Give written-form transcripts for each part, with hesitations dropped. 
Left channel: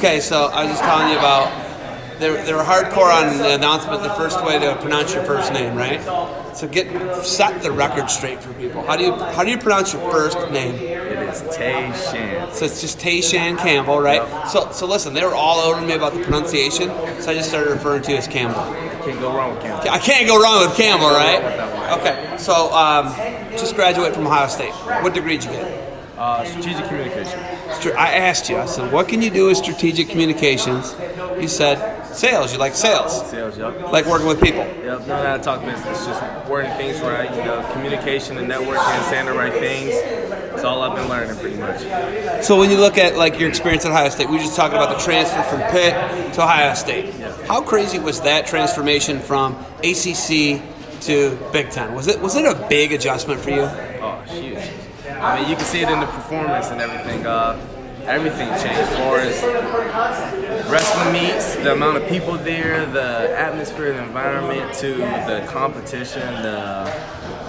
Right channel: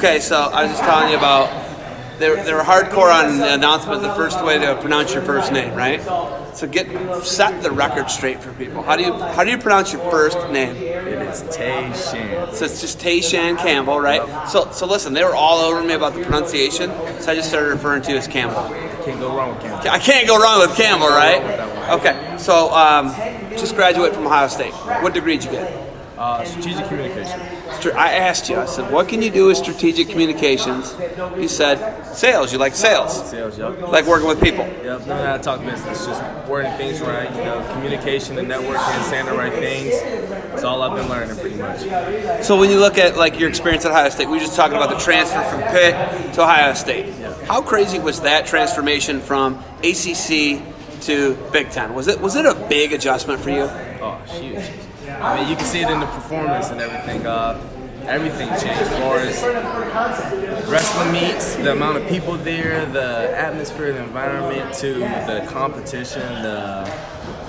Okay, so I was telling you about they were hardcore on the announcement, the first way to pronounce your first name, right? So set the record straight for people. How do you pronounce your first name? It is Tay Shan. So it's just Tay Shan Campbell, right? Yep. So listen, they were all over me about the pronunciation, so I just started referring to you as Campbell. I can't go wrong with Campbell. I can't go wrong with Campbell, right? With that one. Okay, so just graduated from Ohio State. What degree did you get? Strategic communication. I asked you, I said, what can you do with strategic communications? You said, sales. You like sales. Sales, yep. You like working with people. Yep, know how to talk business, just wording things right, communication and networking, saying the right things. It's all I've been learning pretty much. So when you look at like your experience at Ohio State, we were just talking about the transfer from Pitt to Ohio State. Yeah. How crazy was that transformation from ACC to Big Ten? Was it a big adjustment for you? Oh, huge. I mean, you can see it in the performance and everything. Everything changed as far as wrestling meets, the amount of people there, the atmosphere, the environment, to the competition, the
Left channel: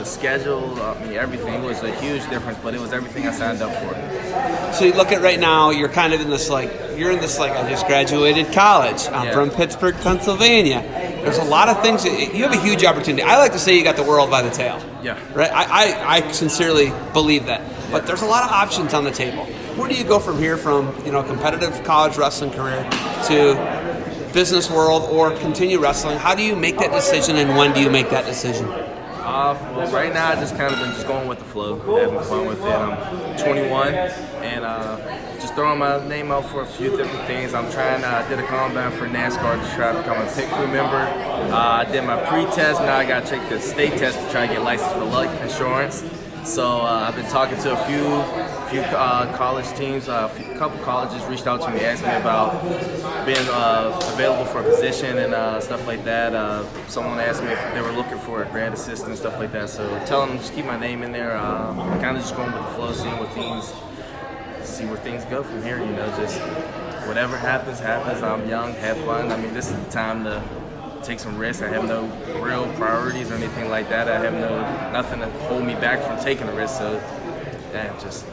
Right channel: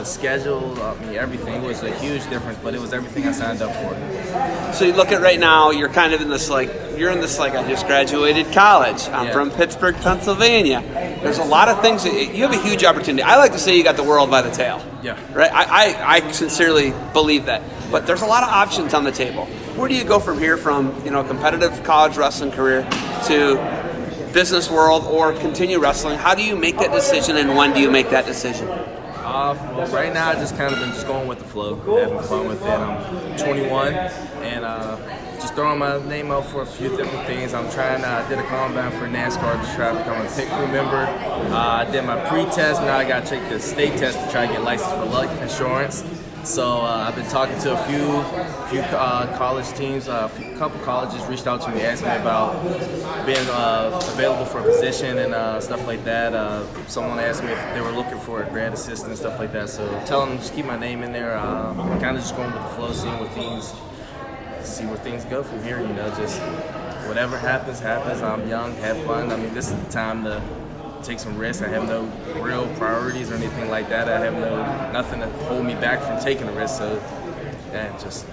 schedule. I mean, everything. It was a huge difference, but it was everything I signed up for. So you look at right now, you're kind of in this I just graduated college. I'm from Pittsburgh, Pennsylvania. There's a lot of things. You have a huge opportunity. I like to say you got the world by the tail. Yeah. Right? I sincerely believe that. But there's a lot of options on the table. Where do you go from here, from competitive college wrestling career to business world, or continue wrestling? How do you make that decision, and when do you make that decision? Well, right now I just kind of been just going with the flow, having fun with it. I'm 21 and just throwing my name out for a few different things. I'm trying. I did a combine for NASCAR to try to become a pit crew member. I did my pre-test. Now I got to take the state test to try to get licensed for life insurance. So I've been talking to a few college teams. A couple colleges reached out to me, asked me about being available for a position and stuff like that. Someone asked me if they were looking for a grad assistant and stuff like that. So tell them just keep my name in there. Kind of just going with the flow, see where things go from here. Just whatever happens. I'm young, have fun. I mean, this is the time to take some risks. I have no real priorities or anything like that. I have nothing to hold me back from taking a risk. So, just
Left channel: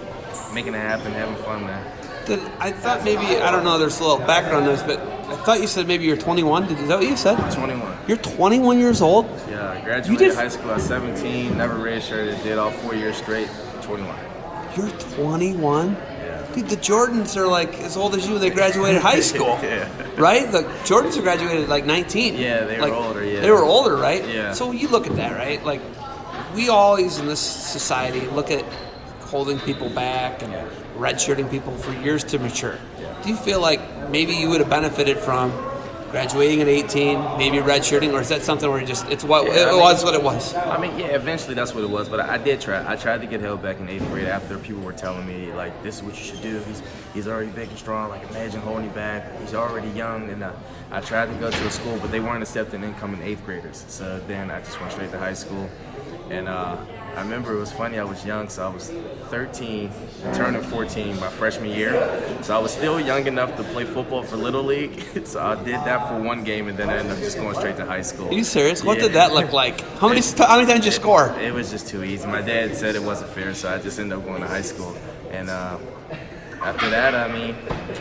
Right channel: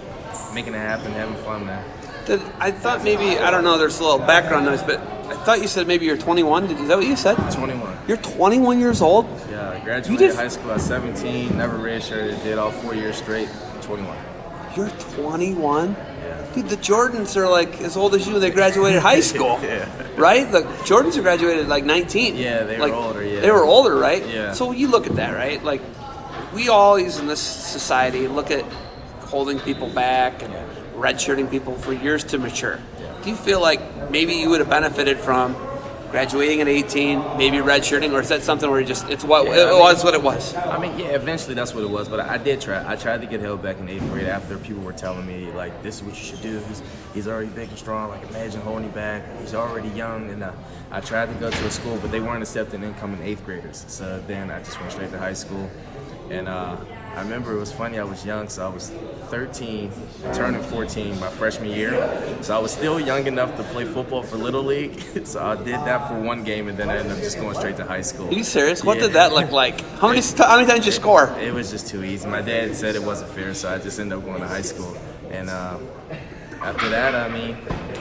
making it happen, having fun, man. I thought maybe, I don't know, there's a little background noise, but I thought you said maybe you're 21. Is that what you said? 21. You're 21 years old? Yeah, I graduated high school at 17, never redshirted, did all 4 years straight, 21. You're 21? Yeah. Dude, the Jordans are like as old as you when they graduated high school. Yeah. Right? The Jordans are graduated at like 19. Yeah, they were older, yeah. They were older, right? Yeah. So you look at that, right? Like, we always in this society look at holding people back and redshirting people for years to mature. Yeah. Do you feel like maybe you would have benefited from graduating at 18, maybe redshirting, or is that something where it was what it was? I mean, eventually that's what it was, but I did try. I tried to get held back in 8th grade after people were telling me, like, this is what you should do. He's already big and strong. Like, imagine holding him back. He's already young. And I tried to go to a school, but they weren't accepting incoming 8th graders. So then I just went straight to high school. And I remember it was funny, I was young, so I was 13, turning 14 my freshman year. So I was still young enough to play football for Little League. So I did that for one game, and then I ended up just going straight to high school. Are you serious? What did that look like? How many times did you score? It was just too easy. My dad said it wasn't fair, so I just ended up going to high school. And after that, I mean,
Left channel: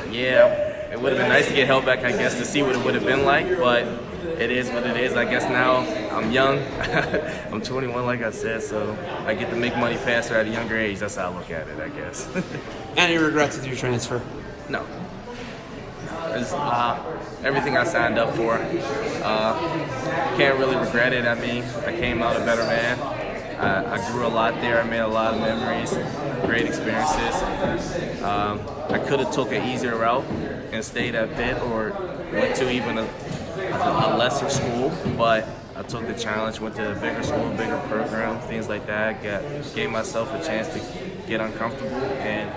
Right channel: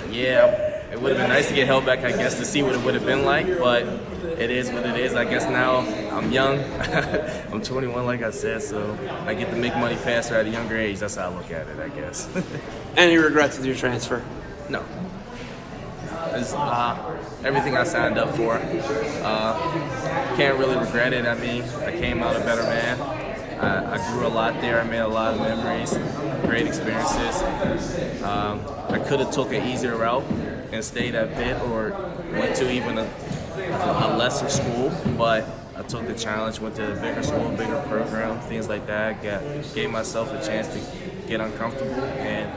it would have been nice to get held back, I guess, to see what it would have been like, but it is what it is. I guess now I'm young. I'm 21, like I said, so I get to make money faster at a younger age. That's how I look at it, I guess. Any regrets with your transfer? No. It's everything I signed up for. Can't really regret it. I mean, I came out a better man. I grew a lot there. I made a lot of memories, great experiences. I could have took an easier route and stayed at Pitt or went to even a lesser school, but I took the challenge, went to a bigger school, bigger program, things like that. Gave myself a chance to get uncomfortable, and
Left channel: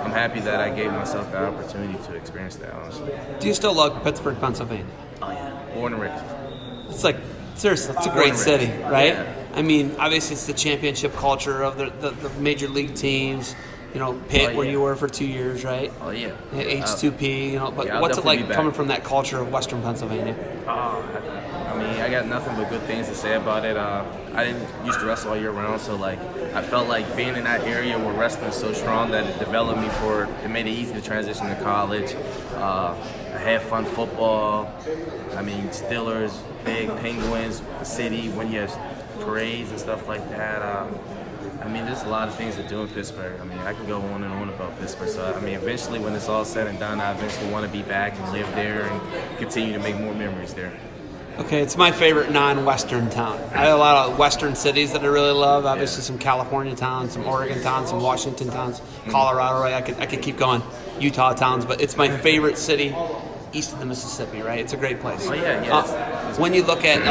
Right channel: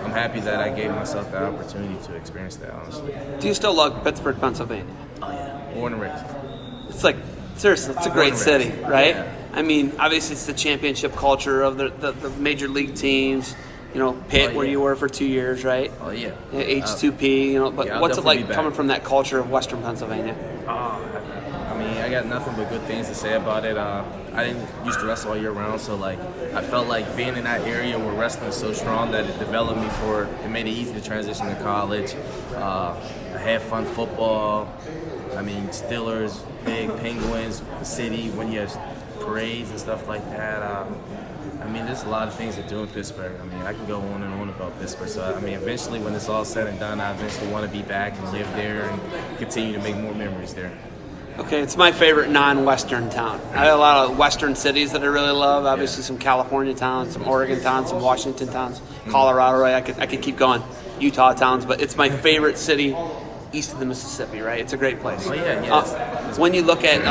I'm happy that I gave myself the opportunity to experience that, honestly. Do you still love Pittsburgh, Pennsylvania? Oh, yeah. Born and raised. It's like, seriously, it's a great city, right? Yeah. I mean, obviously it's the championship culture of the major league teams. Pitt, where you were for 2 years, right? Oh yeah. H2P, but yeah, what's it like back. coming from that culture of Western Pennsylvania? I mean, I got nothing but good things to say about it. I didn't used to wrestle all year round, so like I felt like being in that area where wrestling is so strong that it developed me it made it easy to transition to college. I had fun football. I mean, Steelers, big Penguins, the city, when you have parades and stuff like that. I mean, there's a lot of things to do in Pittsburgh. I mean, I can go on and on about Pittsburgh. So, I mean, eventually when it's all said and done, I eventually want to be back and live there and continue to make more memories there. Okay, it's my favorite non-Western town. I have a lot of Western cities that I really love. Obviously, some California towns, some Oregon towns, some Washington towns, Colorado. Right? I could keep going. Utah towns, but it's my favorite city east of the Mississippi. Right? It's a great place. Oh yeah. When you look at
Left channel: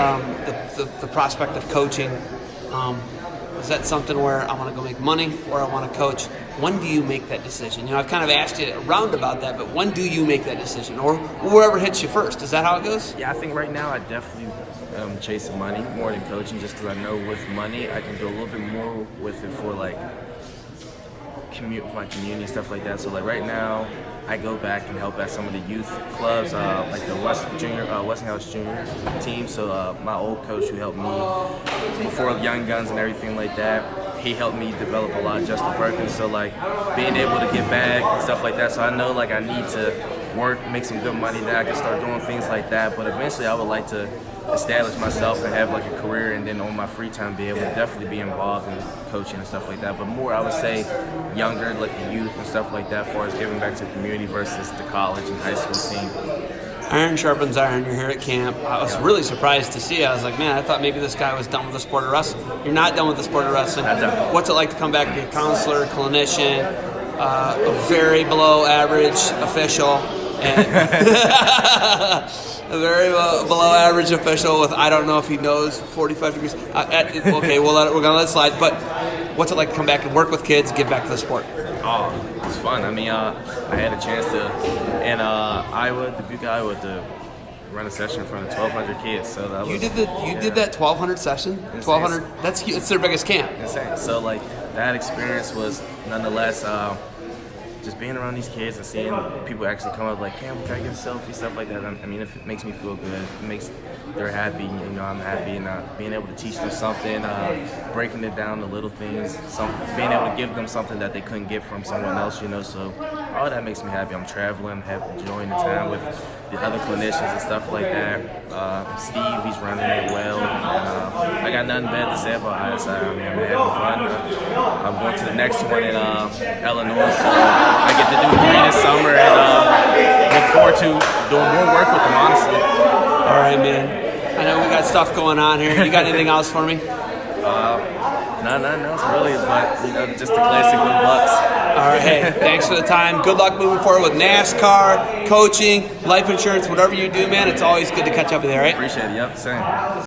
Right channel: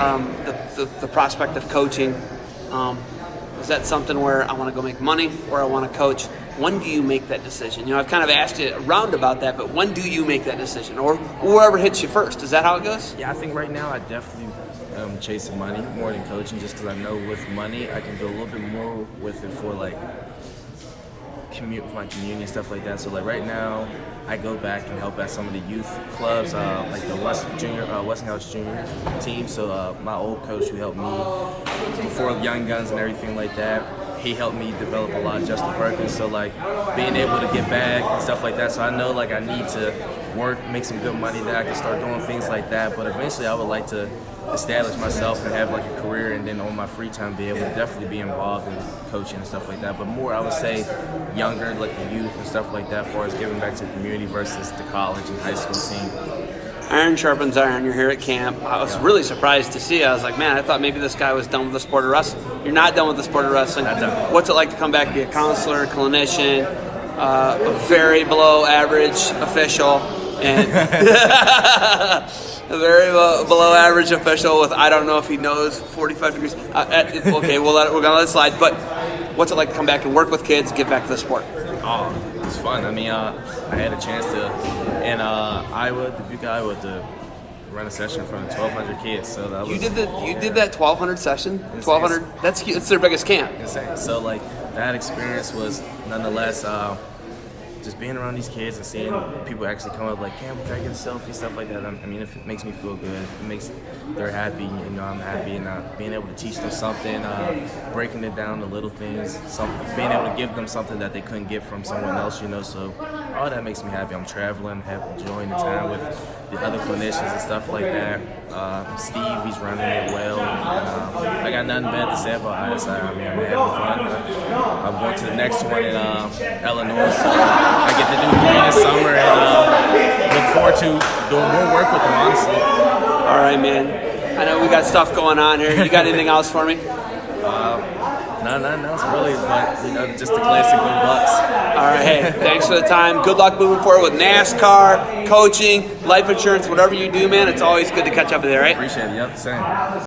the prospect of coaching, is that something where I want to go make money or I want to coach? When do you make that decision? I've kind of asked you around about that, but when do you make that decision? Or whoever hits you first, is that how it goes? Yeah, I think right now I definitely am chasing money more than coaching, just because I know with money I can do a little bit more with it for like my community and stuff like that. So like right now I go back and help at some of the youth clubs, like the Westinghouse Junior team. So my old coach who helped me before Young Guns and everything like that, he helped me develop a lot, Justin Perkins. So like being able to get back and stuff like that. So I know like I need to work, make some good money, that I can start doing things like that. But eventually I would like to establish myself and have like a career, and then on my free time be able to definitely be involved in coaching and stuff like that. But more I would say younger, like the youth and stuff like that, as far as giving back to the community versus the college and high school scene. Iron sharpens iron. You're here at camp. I was really surprised to see you. I was like, man, I thought maybe this guy was done with the sport of wrestling. You're not done with the sport of wrestling. Not done. What's it like to come back and be a counselor, clinician, a very below average official, and a very below average official with, I don't know if he knows 45 degrees. Okay, we're gonna let it slide. But what's it like to come back and work with kids, give back to the sport? Oh, it was fun. I mean, I had a chance to, in Dubuque, Iowa, to run a session in front of 1,200 kids. So that was. You did that 1,200 session? Insane. 1,200. It's their biggest camp. Insane. So like that experience was nonetheless. Just being around these kids and seeing people actually come up like, Campbell, can I get a selfie, stuff like that. I mean, it makes me feel good. It makes they're happy, I'm happy, and being able to teach them something, breaking it down to little things, being able to give them something that they couldn't get from someone else, So all that makes me happy. I'm traveling, enjoying the time with the other clinicians and stuff like that. Steve, he's running it well, and I got nothing bad to say about ISI. I mean, I'm having fun. I'm going to the next one in Illinois, so I get to do 3 this summer, and look forward to doing more work with them, honestly. All right, man. I know we got stuff going on here. You got anything else for me? Nothing else really, but just the classic good Bucks. All right. Thanks for the time. Good luck moving forward with NASCAR, coaching, life insurance, whatever you do, man. It's always good to catch up with you, right? Appreciate it. Yep, same.